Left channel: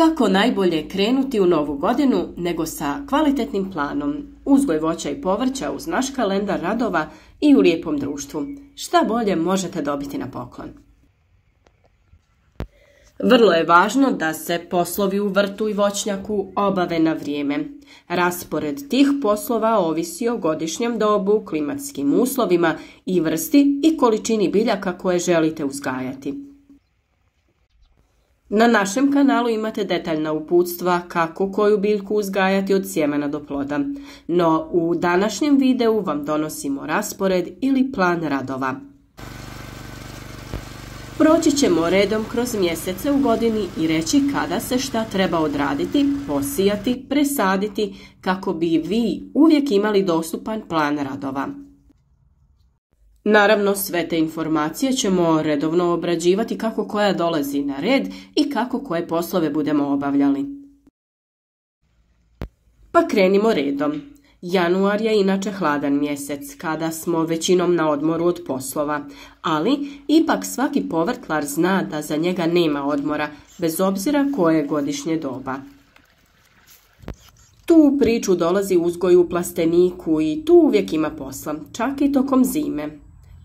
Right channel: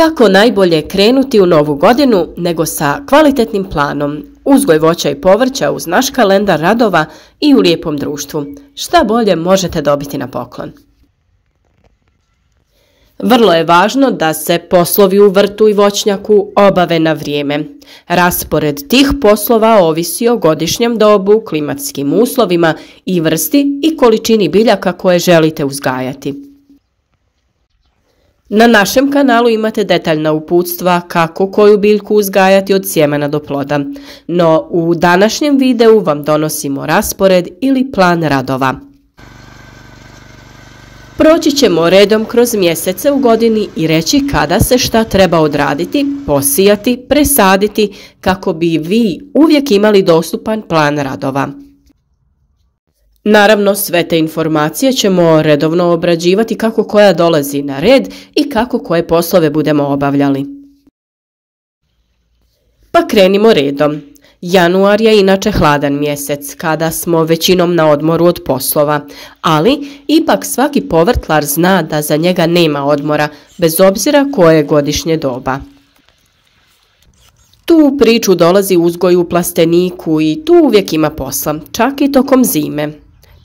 Kako najbolje krenuti u novu godinu nego sa kvalitetnim planom, uzgoj voća i povrća uz naš kalendar radova i u lijepom društvu. Šta bolje možete dobiti na poklon? Vrlo je važno da se poslovi u vrtu i voćnjaku obave na vrijeme. Raspored tih poslova ovisi o godišnjem dobu, klimatskim uslovima i vrsti i količini biljaka koje želite uzgajati. Na našem kanalu imate detaljna uputstva kako koju biljku uzgajati od sjemena do ploda, no u današnjem videu vam donosimo raspored ili plan radova. Proći ćemo redom kroz mjesece u godini i reći kada se šta treba odraditi, posijati, presaditi kako bi vi uvijek imali dostupan plan radova. Naravno, sve te informacije ćemo redovno obrađivati kako koja dolazi na red i kako koje poslove budemo obavljali. Pa krenimo redom. Januar je inače hladan mjesec kada smo većinom na odmoru od poslova, ali ipak svaki povrtlar zna da za njega nema odmora, bez obzira koje je godišnje doba. Tu u priču dolazi uzgoj u plasteniku i tu uvijek ima posla, čak i tokom zime.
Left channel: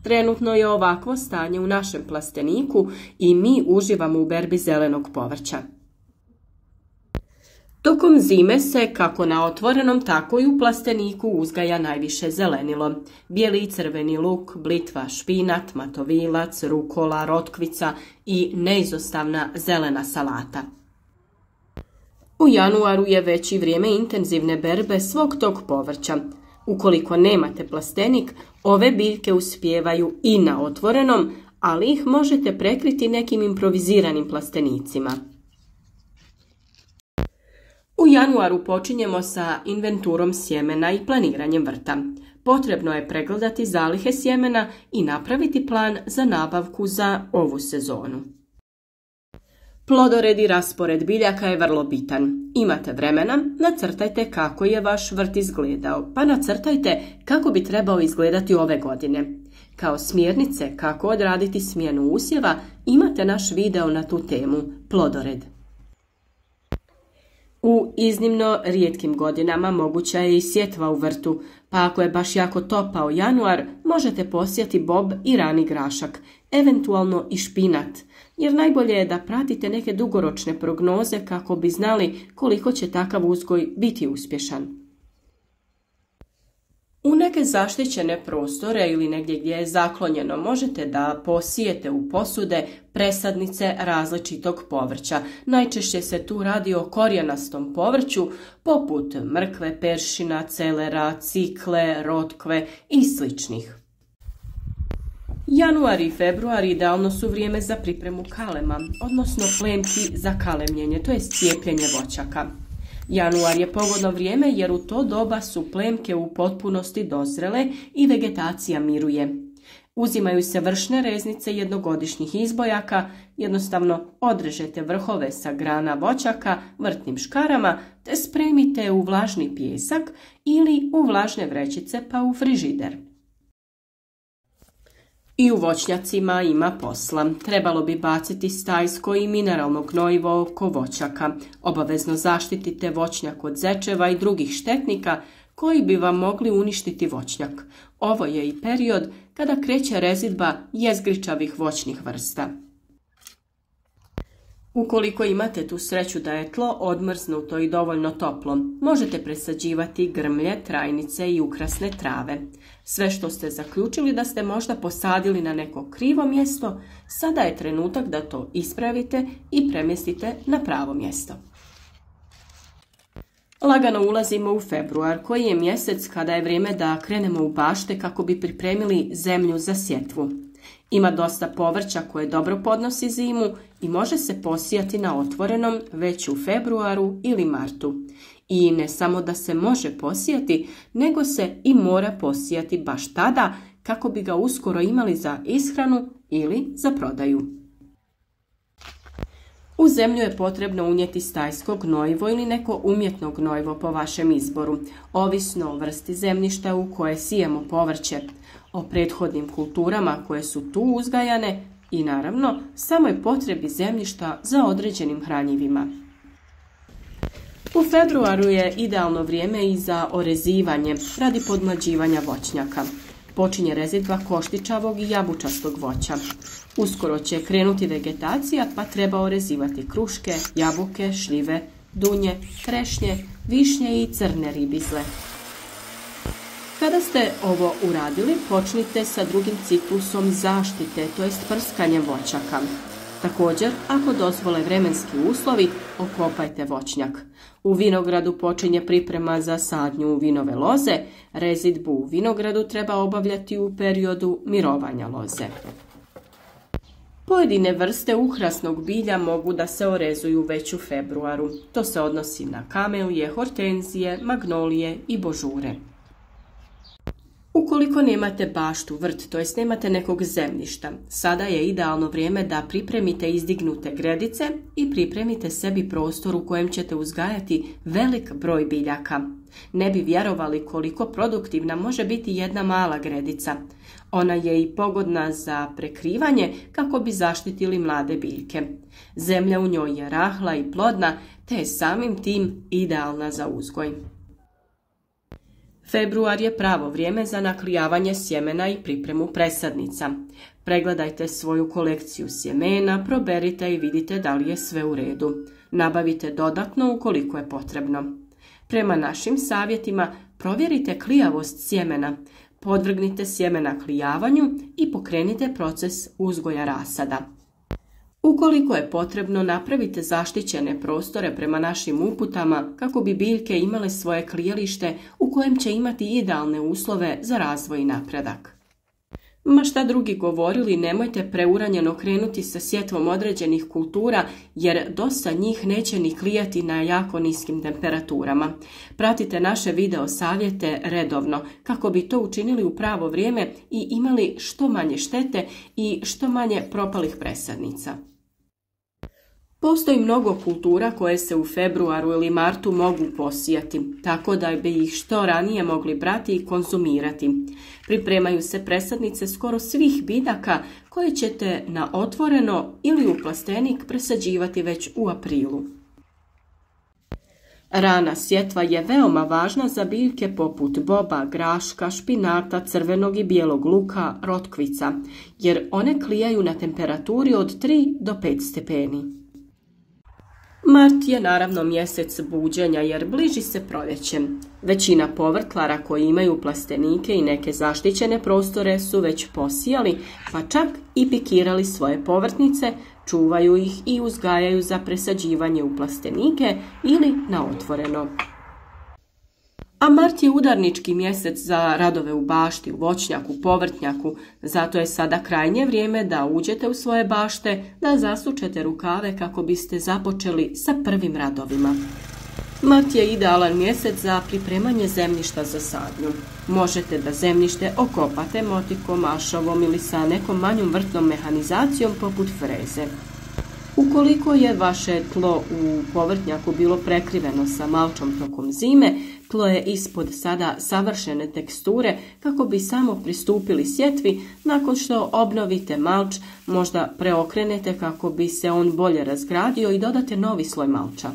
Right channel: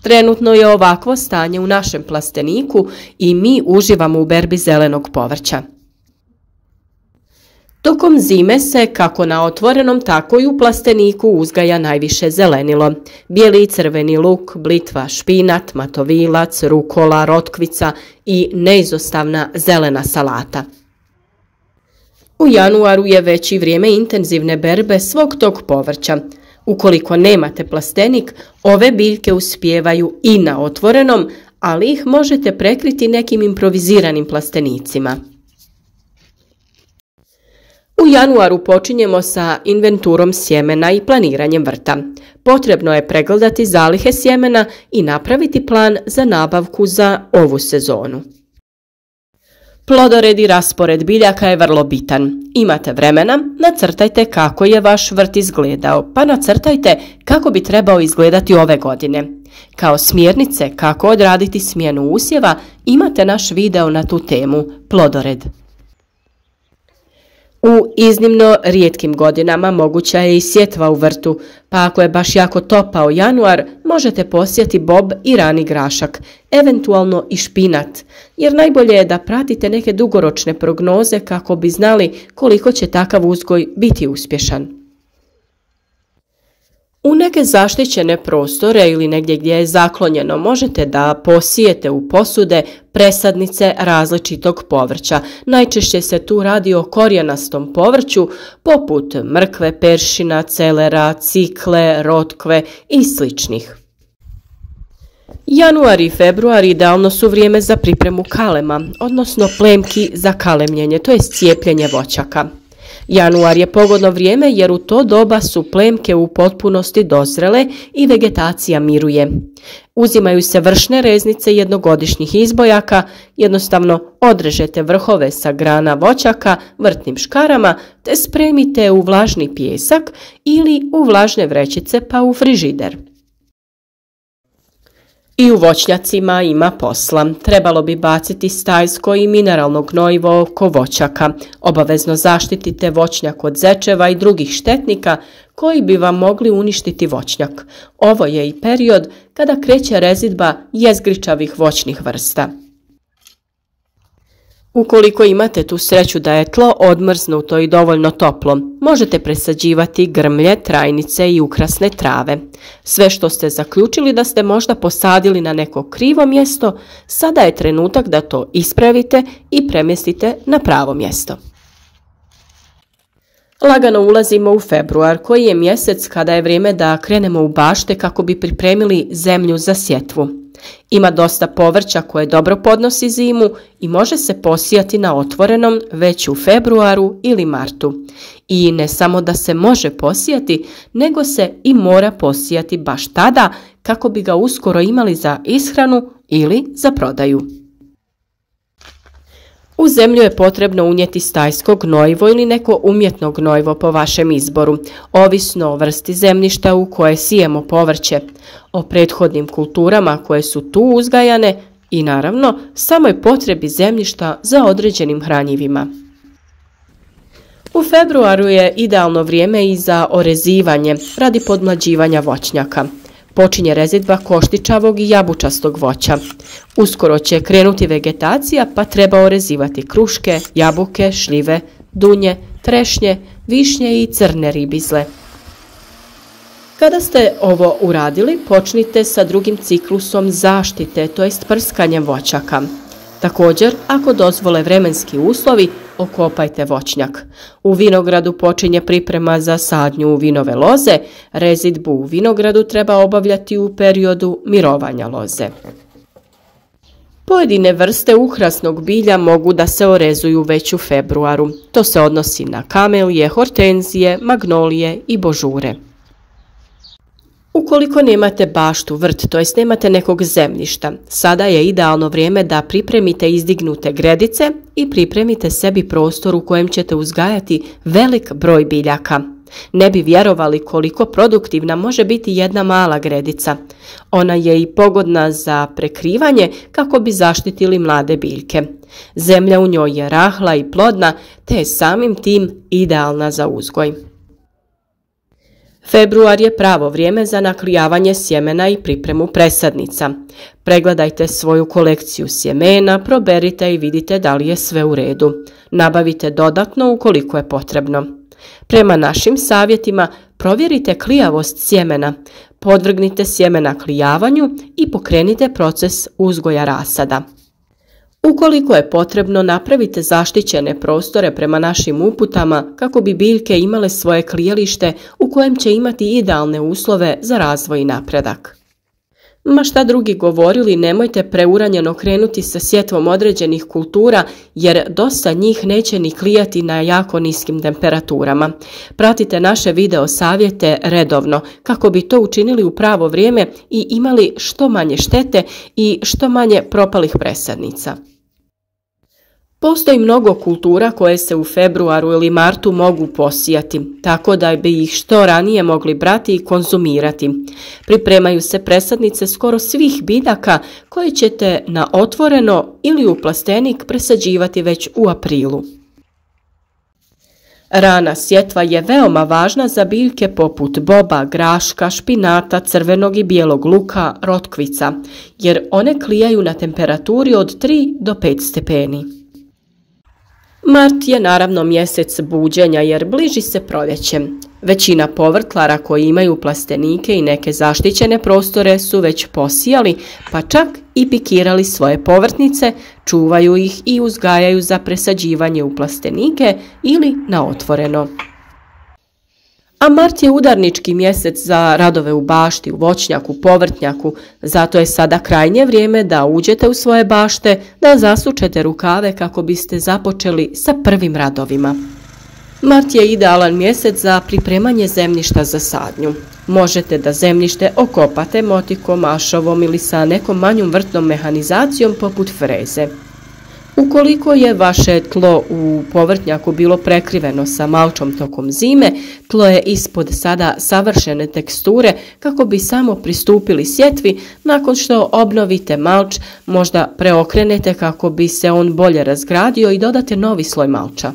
Trenutno je ovakvo stanje u našem plasteniku i mi uživamo u berbi zelenog povrća. Tokom zime se kako na otvorenom, tako i u plasteniku uzgaja najviše zelenilo. Bijeli i crveni luk, blitva, špinat, matovilac, rukola, rotkvica i neizostavna zelena salata. U januaru je već i vrijeme intenzivne berbe svog tog povrća. Ukoliko nemate plastenik, ove biljke uspijevaju i na otvorenom, ali ih možete prekriti nekim improviziranim plastenicima. U januaru počinjemo sa inventurom sjemena i planiranjem vrta. Potrebno je pregledati zalihe sjemena i napraviti plan za nabavku za ovu sezonu. Plodored i raspored biljaka je vrlo bitan. Imate vremena, nacrtajte kako je vaš vrt izgledao, pa nacrtajte kako bi trebao izgledati ove godine. Kao smjernice kako odraditi smjenu usjeva imate naš video na tu temu, plodored. U iznimno rijetkim godinama moguća je i sjetva u vrtu, pa ako je baš jako topao januar, možete posijati bob i rani grašak, eventualno i špinat, jer najbolje je da pratite neke dugoročne prognoze kako bi znali koliko će takav uzgoj biti uspješan. U neke zaštićene prostore ili negdje gdje je zaklonjeno možete da posijete u posude presadnice različitog povrća. Najčešće se tu radi o korijenastom povrću poput mrkve, peršina, celera, cikle, rotkve i sličnih. Januar i februar idealno su vrijeme za pripremu kalema, odnosno plemki za kalemljenje, to je cijepljenje voćaka. Januar je pogodno vrijeme jer u to doba su plemke u potpunosti dozrele i vegetacija miruje. Uzimaju se vršne reznice jednogodišnjih izbojaka, jednostavno odrežete vrhove sa grana voćaka vrtnim škarama te spremite u vlažni pijesak ili u vlažne vrećice pa u frižider. I u voćnjacima ima posla. Trebalo bi baciti stajsko i mineralno gnojivo oko voćaka. Obavezno zaštitite voćnjak od zečeva i drugih štetnika koji bi vam mogli uništiti voćnjak. Ovo je i period kada kreće rezidba jezgričavih voćnih vrsta. Ukoliko imate tu sreću da je tlo odmrznuto i dovoljno toplo, možete presađivati grmlje, trajnice i ukrasne trave. Sve što ste zaključili da ste možda posadili na neko krivo mjesto, sada je trenutak da to ispravite i premjestite na pravo mjesto. Lagano ulazimo u februar, koji je mjesec kada je vrijeme da krenemo u bašte kako bi pripremili zemlju za sjetvu. Ima dosta povrća koje dobro podnosi zimu i može se posijati na otvorenom već u februaru ili martu. I ne samo da se može posijati, nego se i mora posijati baš tada kako bi ga uskoro imali za ishranu ili za prodaju. U zemlju je potrebno unijeti stajsko gnojivo ili neko umjetno gnojivo po vašem izboru, ovisno o vrsti zemljišta u koje sijemo povrće, o prethodnim kulturama koje su tu uzgajane i naravno samoj potrebi zemljišta za određenim hranjivima. U februaru je idealno vrijeme i za orezivanje radi podmlađivanja voćnjaka. Počinje rezidba koštičavog i jabučastog voća. Uskoro će krenuti vegetacija, pa treba orezivati kruške, jabuke, šljive, dunje, trešnje, višnje i crne ribizle. Kada ste ovo uradili, počnite sa drugim ciklusom zaštite, to jest prskanjem voćaka. Također, ako dozvole vremenski uslovi, okopajte voćnjak. U vinogradu počinje priprema za sadnju u vinove loze, rezidbu u vinogradu treba obavljati u periodu mirovanja loze. Pojedine vrste ukrasnog bilja mogu da se orezuju već u februaru. To se odnosi na kamelije, hortenzije, magnolije i božure. Ukoliko nemate baštu, vrt, to jest nemate nekog zemljišta, sada je idealno vrijeme da pripremite izdignute gredice i pripremite sebi prostor u kojem ćete uzgajati velik broj biljaka. Ne bi vjerovali koliko produktivna može biti jedna mala gredica. Ona je i pogodna za prekrivanje kako bi zaštitili mlade biljke. Zemlja u njoj je rahla i plodna, te je samim tim idealna za uzgoj. Februar je pravo vrijeme za naklijavanje sjemena i pripremu presadnica. Pregledajte svoju kolekciju sjemena, proberite i vidite da li je sve u redu. Nabavite dodatno ukoliko je potrebno. Prema našim savjetima provjerite klijavost sjemena, podvrgnite sjemena klijavanju i pokrenite proces uzgoja rasada. Ukoliko je potrebno, napravite zaštićene prostore prema našim uputama kako bi biljke imale svoje klijalište u kojem će imati idealne uslove za razvoj i napredak. Ma šta drugi govorili, nemojte preuranjeno krenuti sa sjetvom određenih kultura jer dosta njih neće ni klijati na jako niskim temperaturama. Pratite naše video savjete redovno kako bi to učinili u pravo vrijeme i imali što manje štete i što manje propalih presadnica. Postoji mnogo kultura koje se u februaru ili martu mogu posijati, tako da bi ih što ranije mogli brati i konzumirati. Pripremaju se presadnice skoro svih biljaka koje ćete na otvoreno ili u plastenik presađivati već u aprilu. Rana sjetva je veoma važna za biljke poput boba, graška, špinata, crvenog i bijelog luka, rotkvica, jer one klijaju na temperaturi od 3 do 5 stepeni. Mart je naravno mjesec buđenja jer bliži se proljeće. Većina povrtlara koji imaju plastenike i neke zaštićene prostore su već posijali, pa čak i pikirali svoje povrtnice, čuvaju ih i uzgajaju za presađivanje u plastenike ili na otvoreno. A mart je udarnički mjesec za radove u bašti, u voćnjaku, povrtnjaku, zato je sada krajnje vrijeme da uđete u svoje bašte, da zasučete rukave kako biste započeli sa prvim radovima. Mart je idealan mjesec za pripremanje zemljišta za sadnju. Možete da zemljište okopate motikom, ašovom ili sa nekom manjom vrtnom mehanizacijom poput freze. Ukoliko je vaše tlo u povrtnjaku bilo prekriveno sa malčom tokom zime, tlo je ispod sada savršene teksture kako bi samo pristupili sjetvi. Nakon što obnovite malč, možda preokrenete kako bi se on bolje razgradio i dodate novi sloj malča.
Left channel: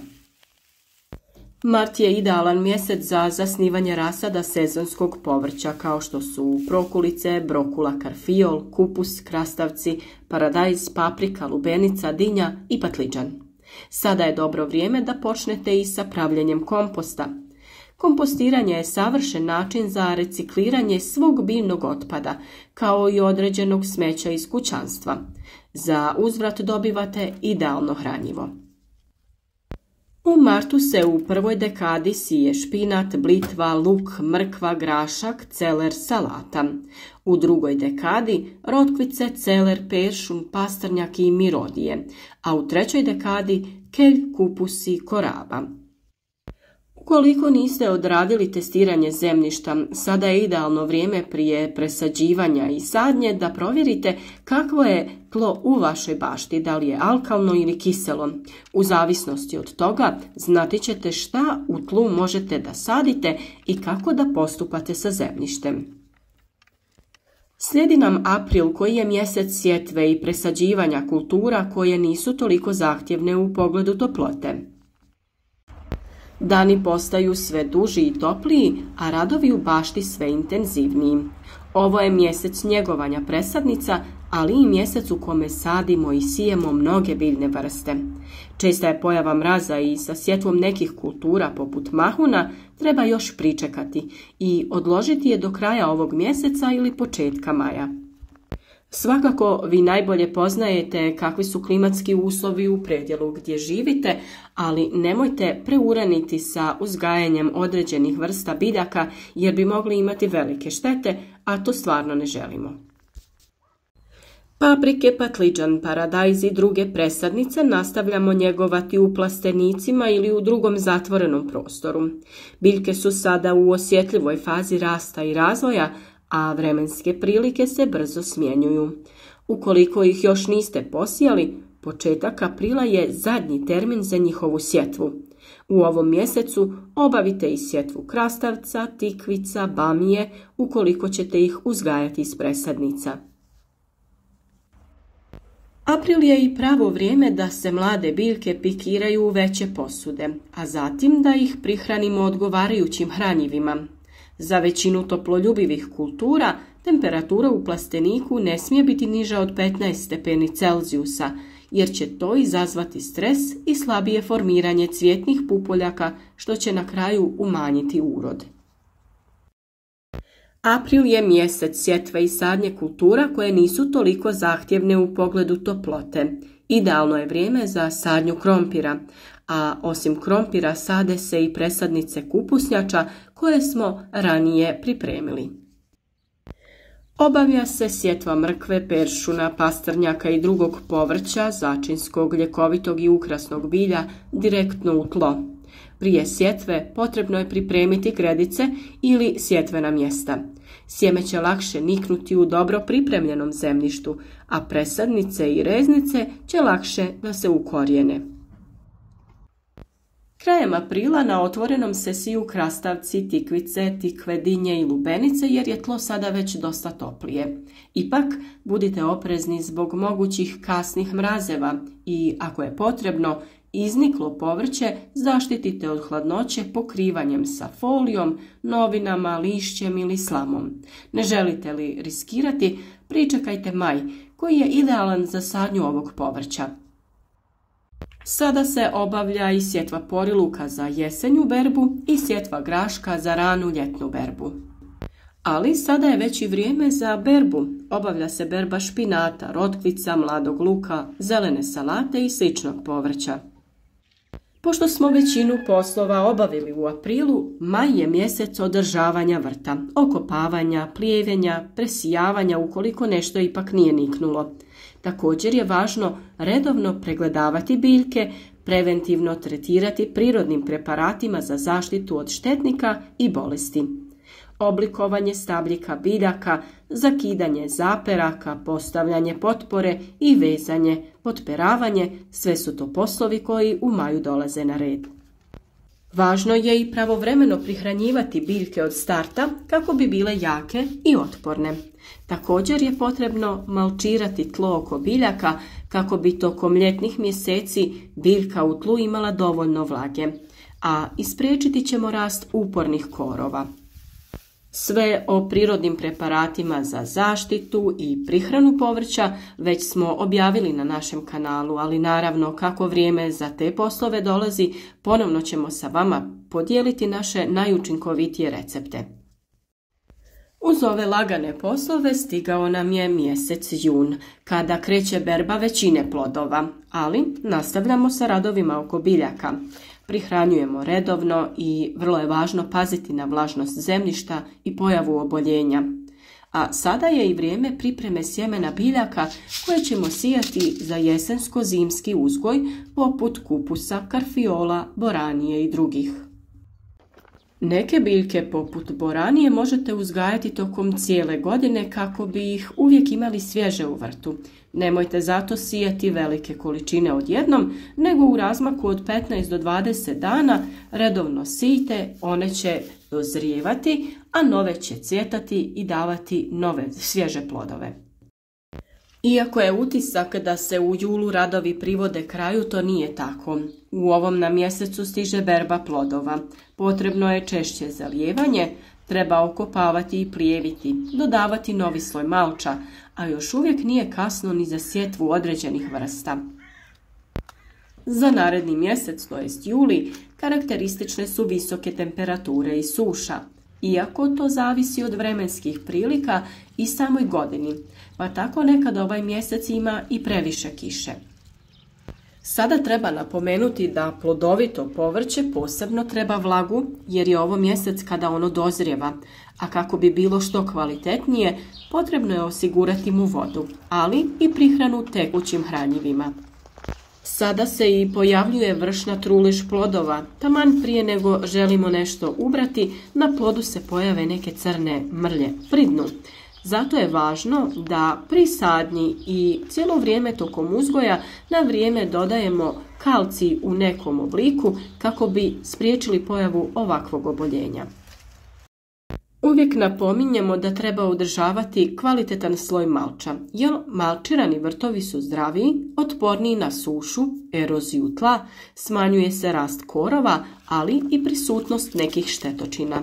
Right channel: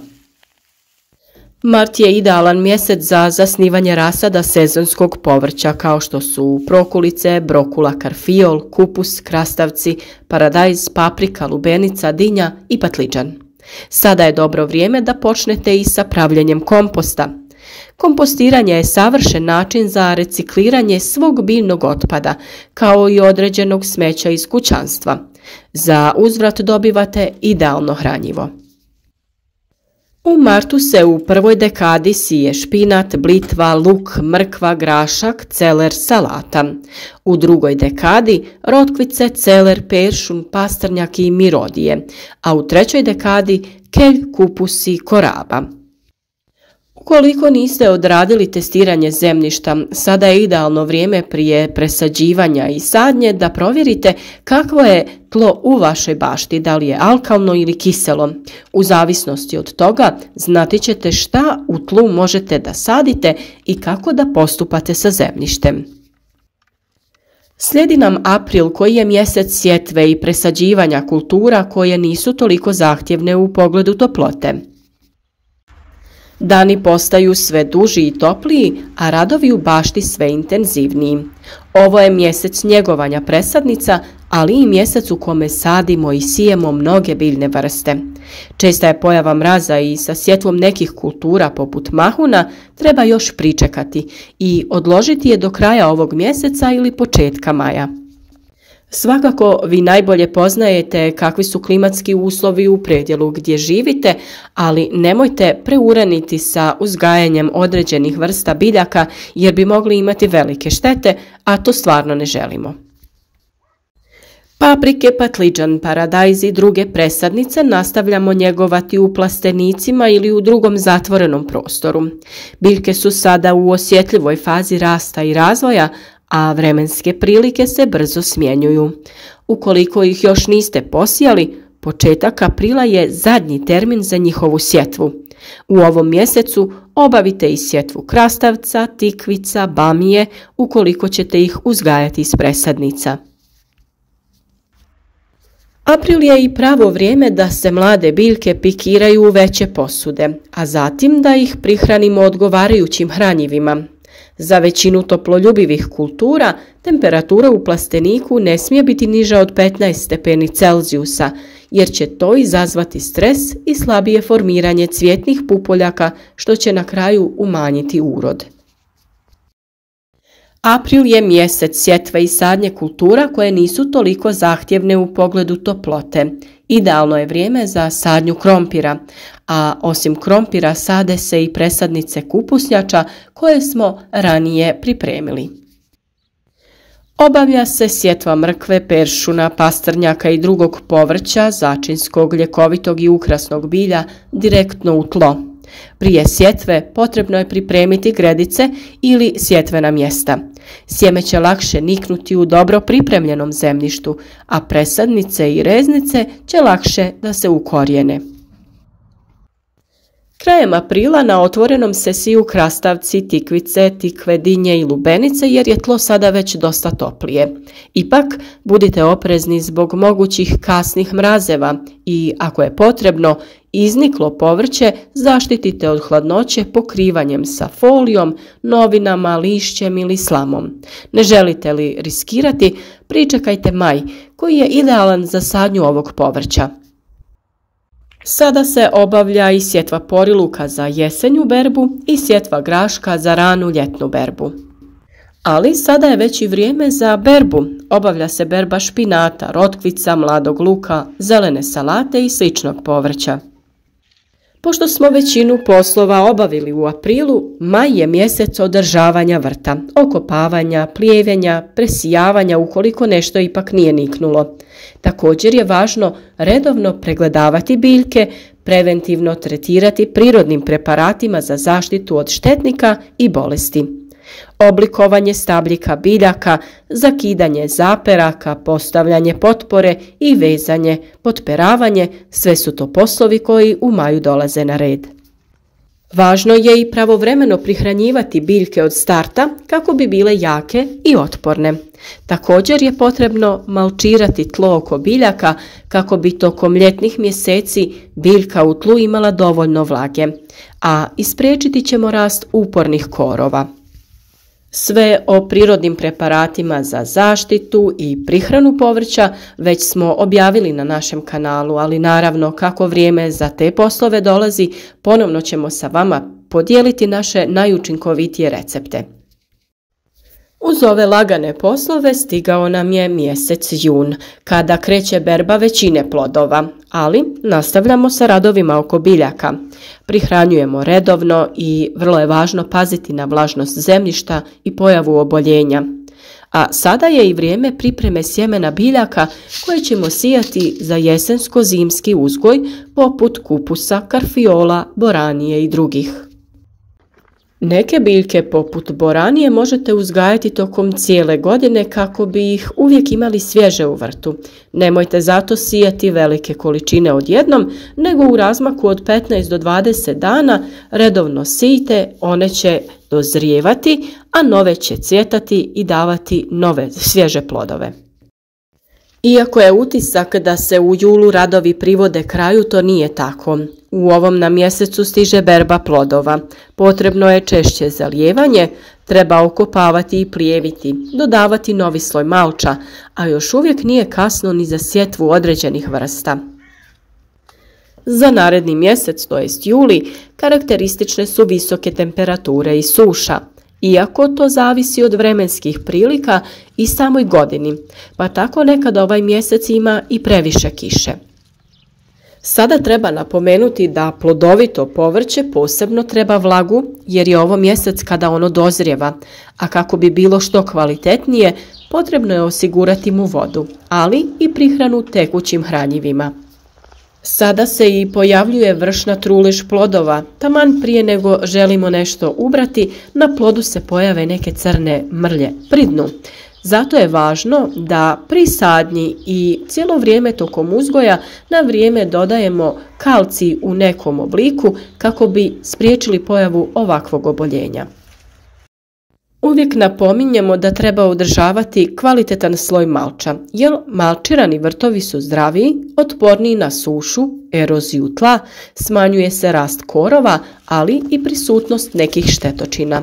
Mart je idealan mjesec za zasnivanje rasada sezonskog povrća kao što su prokulice, brokula, karfiol, kupus, krastavci, paradajz, paprika, lubenica, dinja i patliđan. Sada je dobro vrijeme da počnete i sa pravljenjem komposta. Kompostiranje je savršen način za recikliranje svog biljnog otpada, kao i određenog smeća iz kućanstva. Za uzvrat dobivate idealno hranjivo. U martu se u prvoj dekadi sije špinat, blitva, luk, mrkva, grašak, celer, salata. U drugoj dekadi rotkvice, celer, peršun, pastrnjak i mirodije, a u trećoj dekadi kelj, kupus i koraba. Ukoliko niste odradili testiranje zemljišta, sada je idealno vrijeme prije presađivanja i sadnje da provjerite kakvo je tlo u vašoj bašti, da li je alkalno ili kiselo. U zavisnosti od toga znati ćete šta u tlu možete da sadite i kako da postupate sa zemljištem. Slijedi nam april koji je mjesec sjetve i presađivanja kultura koje nisu toliko zahtjevne u pogledu toplote. Dani postaju sve duži i topliji, a radovi u bašti sve intenzivniji. Ovo je mjesec njegovanja presadnica, ali i mjesec u kome sadimo i sijemo mnoge biljne vrste. Česta je pojava mraza i sa sjetvom nekih kultura poput mahuna treba još pričekati i odložiti je do kraja ovog mjeseca ili početka maja. Svakako vi najbolje poznajete kakvi su klimatski uslovi u predjelu gdje živite, ali nemojte preuraniti sa uzgajanjem određenih vrsta biljaka jer bi mogli imati velike štete, a to stvarno ne želimo. Paprike, patliđan, paradajz i druge presadnice nastavljamo njegovati u plastenicima ili u drugom zatvorenom prostoru. Biljke su sada u osjetljivoj fazi rasta i razvoja, a vremenske prilike se brzo smjenjuju. Ukoliko ih još niste posijali, početak aprila je zadnji termin za njihovu sjetvu. U ovom mjesecu obavite i sjetvu krastavca, tikvica, bamije, ukoliko ćete ih uzgajati iz presadnica. April je i pravo vrijeme da se mlade biljke pikiraju u veće posude, a zatim da ih prihranimo odgovarajućim hranjivima. Za većinu toploljubivih kultura temperatura u plasteniku ne smije biti niža od 15 stepeni Celzijusa, jer će to izazvati stres i slabije formiranje cvjetnih pupoljaka, što će na kraju umanjiti urod. April je mjesec sjetve i sadnje kultura koje nisu toliko zahtjevne u pogledu toplote. Idealno je vrijeme za sadnju krompira, a osim krompira sade se i presadnice kupusnjača koje smo ranije pripremili. Obavlja se sjetva mrkve, peršuna, pastrnjaka i drugog povrća, začinskog, ljekovitog i ukrasnog bilja direktno u tlo. Prije sjetve potrebno je pripremiti gredice ili sjetvena mjesta. Sjeme će lakše niknuti u dobro pripremljenom zemljištu, a presadnice i reznice će lakše da se ukorijene. Krajem aprila na otvorenom se siju krastavci, tikvice, tikve, dinje i lubenice jer je tlo sada već dosta toplije. Ipak, budite oprezni zbog mogućih kasnih mrazeva i, ako je potrebno, izniklo povrće zaštitite od hladnoće pokrivanjem sa folijom, novinama, lišćem ili slamom. Ne želite li riskirati, pričekajte maj, koji je idealan za sadnju ovog povrća. Sada se obavlja i sjetva poriluka za jesenju berbu i sjetva graška za ranu ljetnu berbu. Ali sada je već i vrijeme za berbu. Obavlja se berba špinata, rotkvica, mladog luka, zelene salate i sličnog povrća. Pošto smo većinu poslova obavili u aprilu, maj je mjesec održavanja vrta, okopavanja, plijevenja, presijavanja ukoliko nešto ipak nije niknulo. Također je važno redovno pregledavati biljke, preventivno tretirati prirodnim preparatima za zaštitu od štetnika i bolesti. Oblikovanje stabljika biljaka, zakidanje zaperaka, postavljanje potpore i vezanje, potperavanje, sve su to poslovi koji u maju dolaze na red. Važno je i pravovremeno prihranjivati biljke od starta kako bi bile jake i otporne. Također je potrebno malčirati tlo oko biljaka kako bi tokom ljetnih mjeseci biljka u tlu imala dovoljno vlage, a ispriječiti ćemo rast upornih korova. Sve o prirodnim preparatima za zaštitu i prihranu povrća već smo objavili na našem kanalu, ali naravno kako vrijeme za te poslove dolazi, ponovno ćemo sa vama podijeliti naše najučinkovitije recepte. Uz ove lagane poslove stigao nam je mjesec jun, kada kreće berba većine plodova, ali nastavljamo sa radovima oko biljaka. Prihranjujemo redovno i vrlo je važno paziti na vlažnost zemljišta i pojavu oboljenja. A sada je i vrijeme pripreme sjemena biljaka koje ćemo sijati za jesensko-zimski uzgoj poput kupusa, karfiola, boranije i drugih. Neke biljke poput boranije možete uzgajati tokom cijele godine kako bi ih uvijek imali svježe u vrtu. Nemojte zato sijati velike količine odjednom, nego u razmaku od 15 do 20 dana redovno sijte, one će dozrijevati, a nove će cvjetati i davati nove svježe plodove. Iako je utisak da se u julu radovi privode kraju, to nije tako. U ovom nam mjesecu stiže berba plodova. Potrebno je češće zalijevanje, treba okopavati i plijeviti, dodavati novi sloj malča, a još uvijek nije kasno ni za sjetvu određenih vrsta. Za naredni mjesec, to jest juli, karakteristične su visoke temperature i suša. Iako to zavisi od vremenskih prilika i samoj godini, pa tako nekad ovaj mjesec ima i previše kiše. Sada treba napomenuti da plodovito povrće posebno treba vlagu jer je ovo mjesec kada ono dozrijeva, a kako bi bilo što kvalitetnije, potrebno je osigurati mu vodu, ali i prihranu tekućim hranjivima. Sada se i pojavljuje vršna trulež plodova, taman prije nego želimo nešto ubrati, na plodu se pojave neke crne mrlje pri dnu. Zato je važno da pri sadnji i cijelo vrijeme tokom uzgoja na vrijeme dodajemo kalcij u nekom obliku kako bi spriječili pojavu ovakvog oboljenja. Uvijek napominjemo da treba održavati kvalitetan sloj malča, jer malčirani vrtovi su zdraviji, otporniji na sušu, eroziju tla, smanjuje se rast korova, ali i prisutnost nekih štetočina.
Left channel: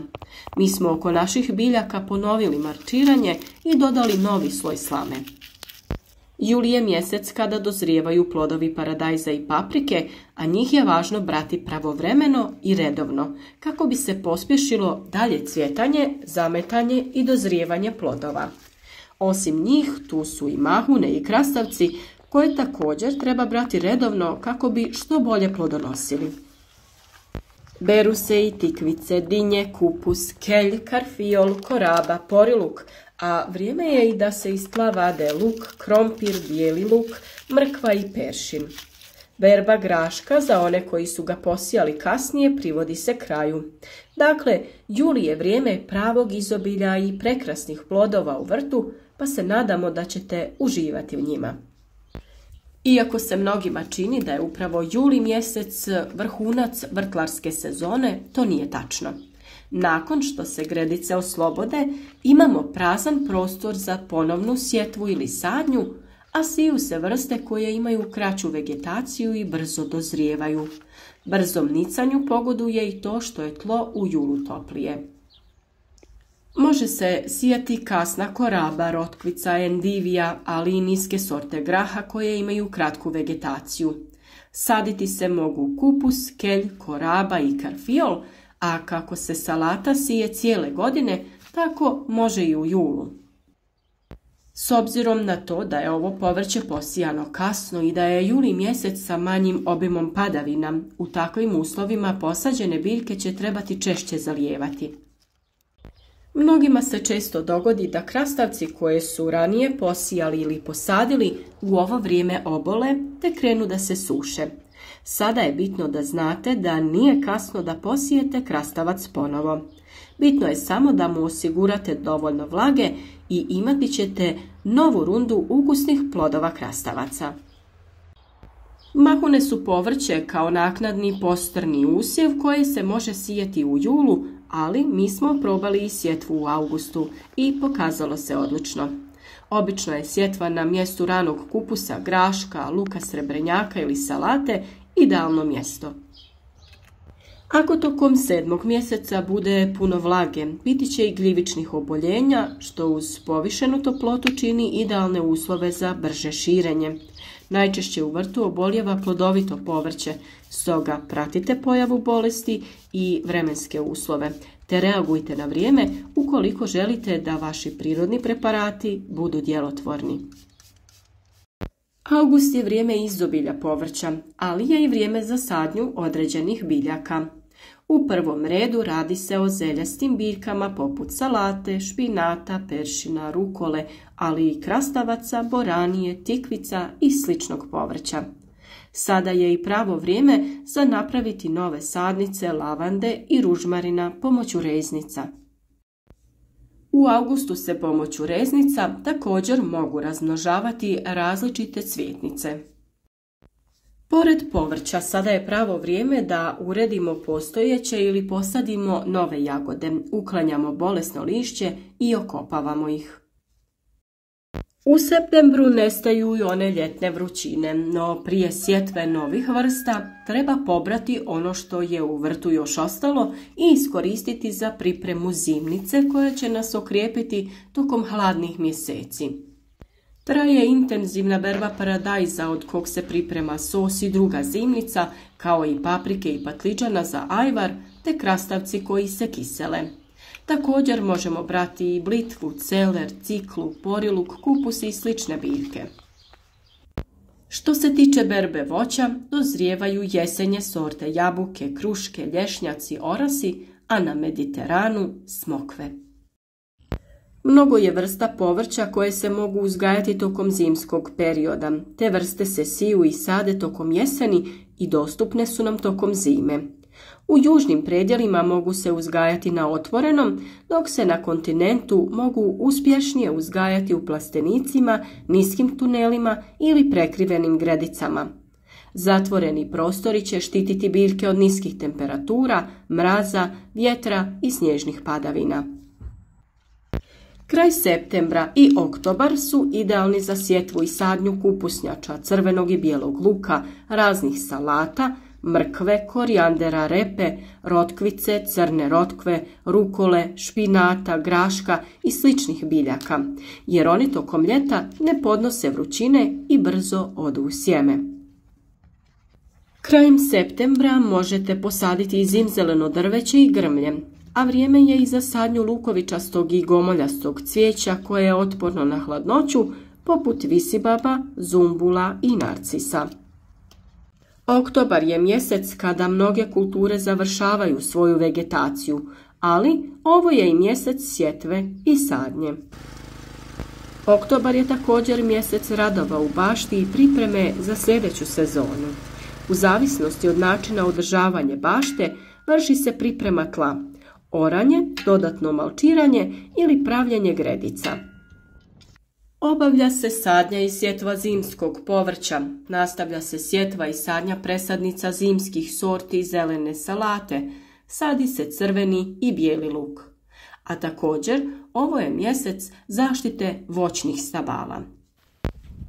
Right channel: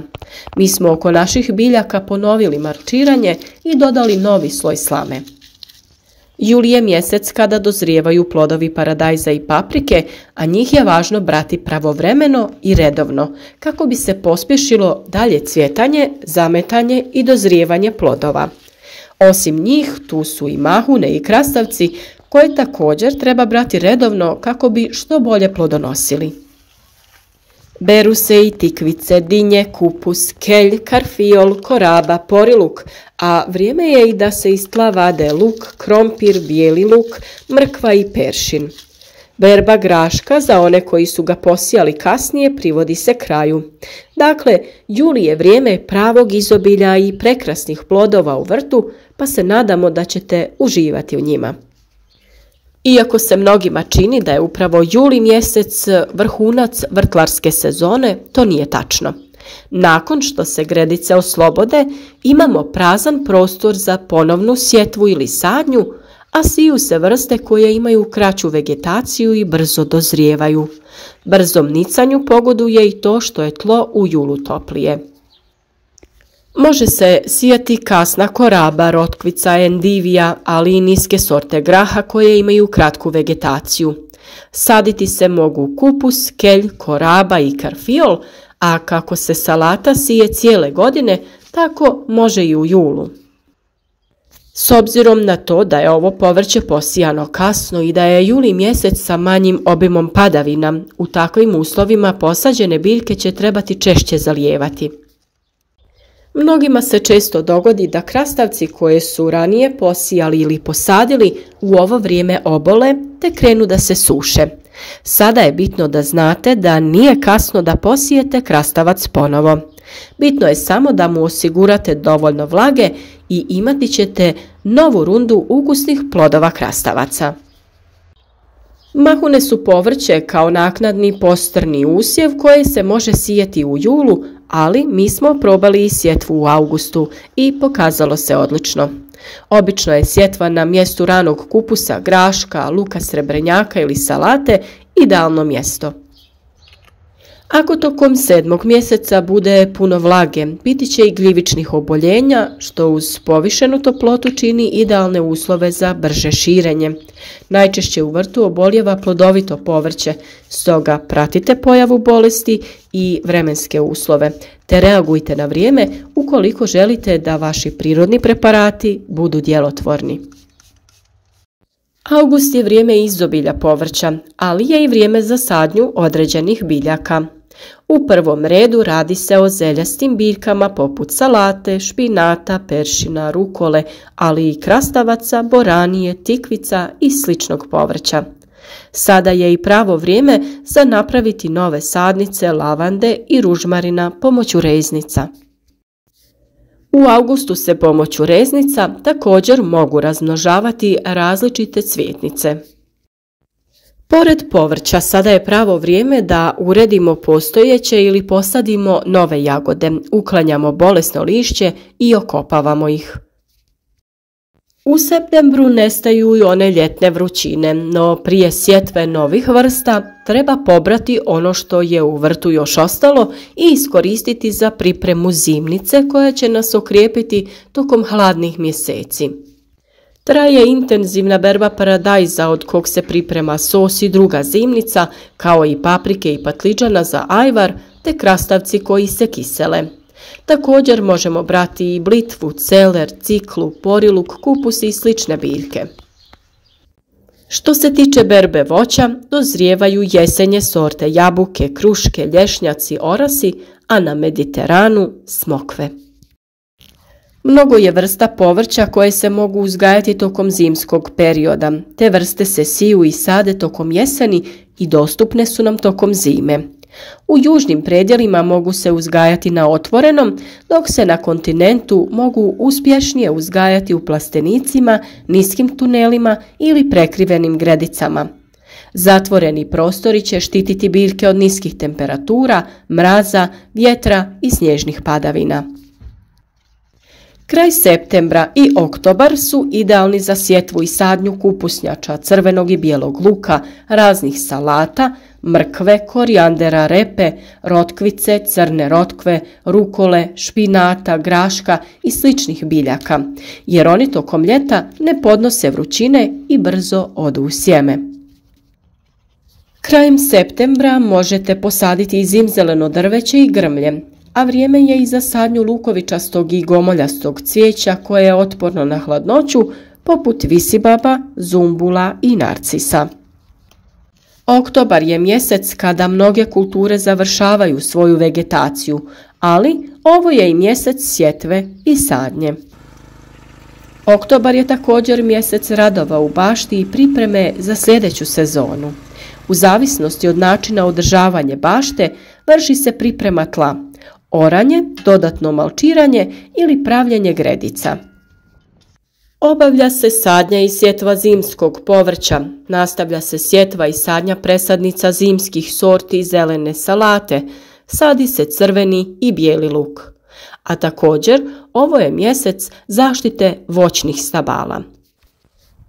Mi smo oko naših biljaka ponovili malčiranje i dodali novi sloj slame. Juli je mjesec kada dozrijevaju plodovi paradajza i paprike, a njih je važno brati pravovremeno i redovno, kako bi se pospješilo dalje cvjetanje, zametanje i dozrijevanje plodova. Osim njih, tu su i mahune i krastavci, koje također treba brati redovno kako bi što bolje plodonosili. Beru se i tikvice, dinje, kupus, kelj, karfiol, koraba, poriluk, a vrijeme je i da se iz tla vade luk, krompir, bijeli luk, mrkva i peršin. Berba graška za one koji su ga posijali kasnije privodi se kraju. Dakle, juli je vrijeme pravog izobilja i prekrasnih plodova u vrtu, pa se nadamo da ćete uživati u njima. Iako se mnogima čini da je upravo juli mjesec vrhunac vrtlarske sezone, to nije tačno. Nakon što se gredice oslobode, imamo prazan prostor za ponovnu sjetvu ili sadnju, a siju se vrste koje imaju kraću vegetaciju i brzo dozrijevaju. Brzom nicanju pogoduje i to što je tlo u julu toplije. Može se sijati kasna koraba, rotkvica, endivija, ali i niske sorte graha koje imaju kratku vegetaciju. Saditi se mogu kupus, kelj, koraba i karfiol, a kako se salata sije cijele godine, tako može i u julu. S obzirom na to da je ovo povrće posijano kasno i da je juli mjesec sa manjim obimom padavina, u takvim uslovima posađene biljke će trebati češće zalijevati. Mnogima se često dogodi da krastavci koje su ranije posijali ili posadili u ovo vrijeme obole te krenu da se suše. Sada je bitno da znate da nije kasno da posijete krastavac ponovo. Bitno je samo da mu osigurate dovoljno vlage i imati ćete novu rundu ukusnih plodova krastavaca. Mahune su povrće kao naknadni postrni usjev koje se može sijeti u julu, ali mi smo probali i sjetvu u augustu i pokazalo se odlično. Obično je sjetva na mjestu ranog kupusa, graška, luka srebrenjaka ili salate idealno mjesto. Ako tokom 7. mjeseca bude puno vlage, biti će i gljivičnih oboljenja, što uz povišenu toplotu čini idealne uslove za brže širenje. Najčešće u vrtu oboljeva plodovito povrće, stoga pratite pojavu bolesti i vremenske uslove, te reagujte na vrijeme ukoliko želite da vaši prirodni preparati budu djelotvorni. August je vrijeme izobilja povrća, ali je i vrijeme za sadnju određenih biljaka. U prvom redu radi se o zeljastim biljkama poput salate, špinata, peršina, rukole, ali i krastavaca, boranije, tikvica i sličnog povrća. Sada je i pravo vrijeme za napraviti nove sadnice lavande i ružmarina pomoću reznica. U augustu se pomoću reznica također mogu razmnožavati različite cvjetnice. Pored povrća, sada je pravo vrijeme da uredimo postojeće ili posadimo nove jagode, uklanjamo bolesno lišće i okopavamo ih. U septembru nestaju i one ljetne vrućine, no prije sjetve novih vrsta treba pobrati ono što je u vrtu još ostalo i iskoristiti za pripremu zimnice koja će nas okrijepiti tokom hladnih mjeseci. Traje intenzivna berba paradajza od kog se priprema sos i druga zimnica, kao i paprike i patliđana za ajvar te krastavci koji se kisele. Također možemo brati i blitvu, celer, ciklu, poriluk, kupus i slične biljke. Što se tiče berbe voća, dozrijevaju jesenje sorte jabuke, kruške, lješnjaci, orasi, a na Mediteranu smokve. Mnogo je vrsta povrća koje se mogu uzgajati tokom zimskog perioda. Te vrste se siju i sade tokom jeseni i dostupne su nam tokom zime. U južnim predjelima mogu se uzgajati na otvorenom, dok se na kontinentu mogu uspješnije uzgajati u plastenicima, niskim tunelima ili prekrivenim gredicama. Zatvoreni prostori će štititi biljke od niskih temperatura, mraza, vjetra i snježnih padavina. Kraj septembra i oktobar su idealni za sjetvu i sadnju kupusnjača, crvenog i bijelog luka, raznih salata, mrkve, korijandera, repe, rotkvice, crne rotkve, rukole, špinata, graška i sličnih biljaka, jer oni tokom ljeta ne podnose vrućine i brzo odu u sjeme. Krajem septembra možete posaditi i zimzeleno drveće i grmlje, a vrijeme je i za sadnju lukovičastog i gomoljastog cvijeća koje je otporno na hladnoću, poput visibaba, zumbula i narcisa. Oktobar je mjesec kada mnoge kulture završavaju svoju vegetaciju, ali ovo je i mjesec sjetve i sadnje. Oktobar je također mjesec radova u bašti i pripreme za sljedeću sezonu. U zavisnosti od načina održavanja bašte vrši se priprema tla, oranje, dodatno malčiranje ili pravljenje gredica. Obavlja se sadnja i sjetva zimskog povrća, nastavlja se sjetva i sadnja presadnica zimskih sorti zelene salate, sadi se crveni i bijeli luk. A također ovo je mjesec zaštite voćnih stabala.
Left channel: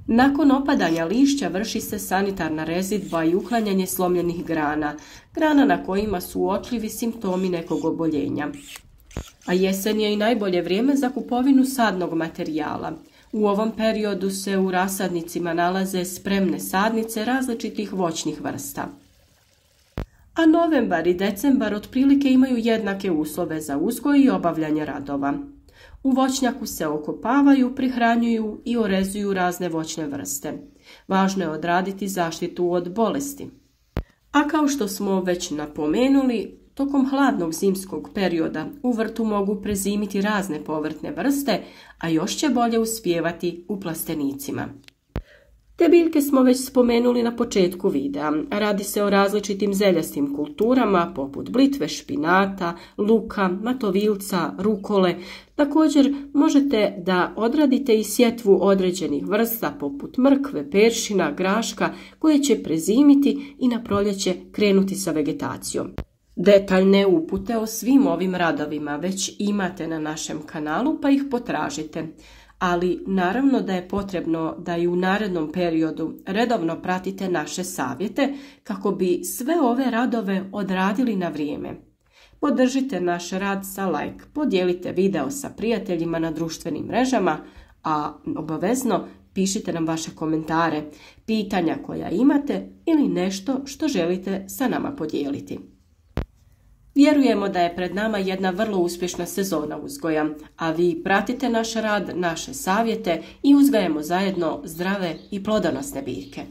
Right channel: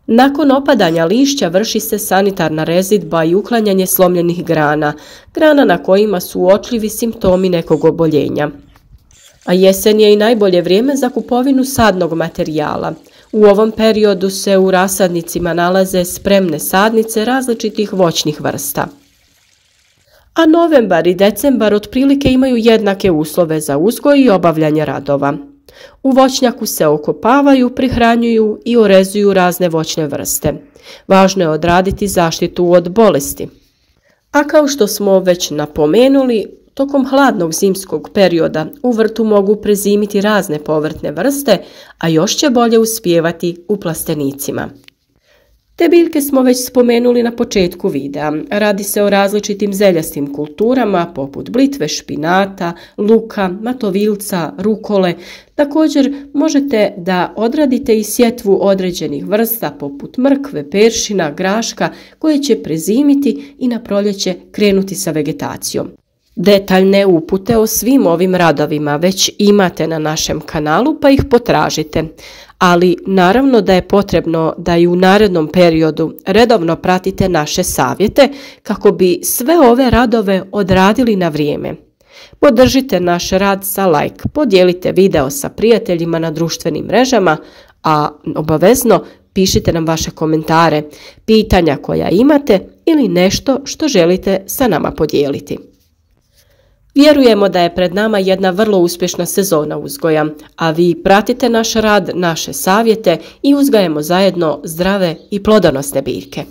Nakon opadanja lišća vrši se sanitarna rezidba i uklanjanje slomljenih grana, grana na kojima su uočljivi simptomi nekog oboljenja. A jesen je i najbolje vrijeme za kupovinu sadnog materijala. U ovom periodu se u rasadnicima nalaze spremne sadnice različitih voćnih vrsta. A novembar i decembar otprilike imaju jednake uslove za uzgoj i obavljanje radova. U voćnjaku se okopavaju, prihranjuju i orezuju razne voćne vrste. Važno je odraditi zaštitu od bolesti. A kao što smo već napomenuli, tokom hladnog zimskog perioda u vrtu mogu prezimiti razne povrtne vrste, a još će bolje uspijevati u plastenicima. Te biljke smo već spomenuli na početku videa. Radi se o različitim zeljastim kulturama poput blitve, špinata, luka, matovilca, rukole. Također možete da odradite i sjetvu određenih vrsta poput mrkve, peršina, graška koje će prezimiti i na proljeće krenuti sa vegetacijom. Detaljne upute o svim ovim radovima već imate na našem kanalu pa ih potražite. Ali naravno da je potrebno da i u narednom periodu redovno pratite naše savjete kako bi sve ove radove odradili na vrijeme. Podržite naš rad sa like, podijelite video sa prijateljima na društvenim mrežama, a obavezno pišite nam vaše komentare, pitanja koja imate ili nešto što želite sa nama podijeliti. Vjerujemo da je pred nama jedna vrlo uspješna sezona uzgoja, a vi pratite naš rad, naše savjete i uzgajemo zajedno zdrave i plodonosne biljke.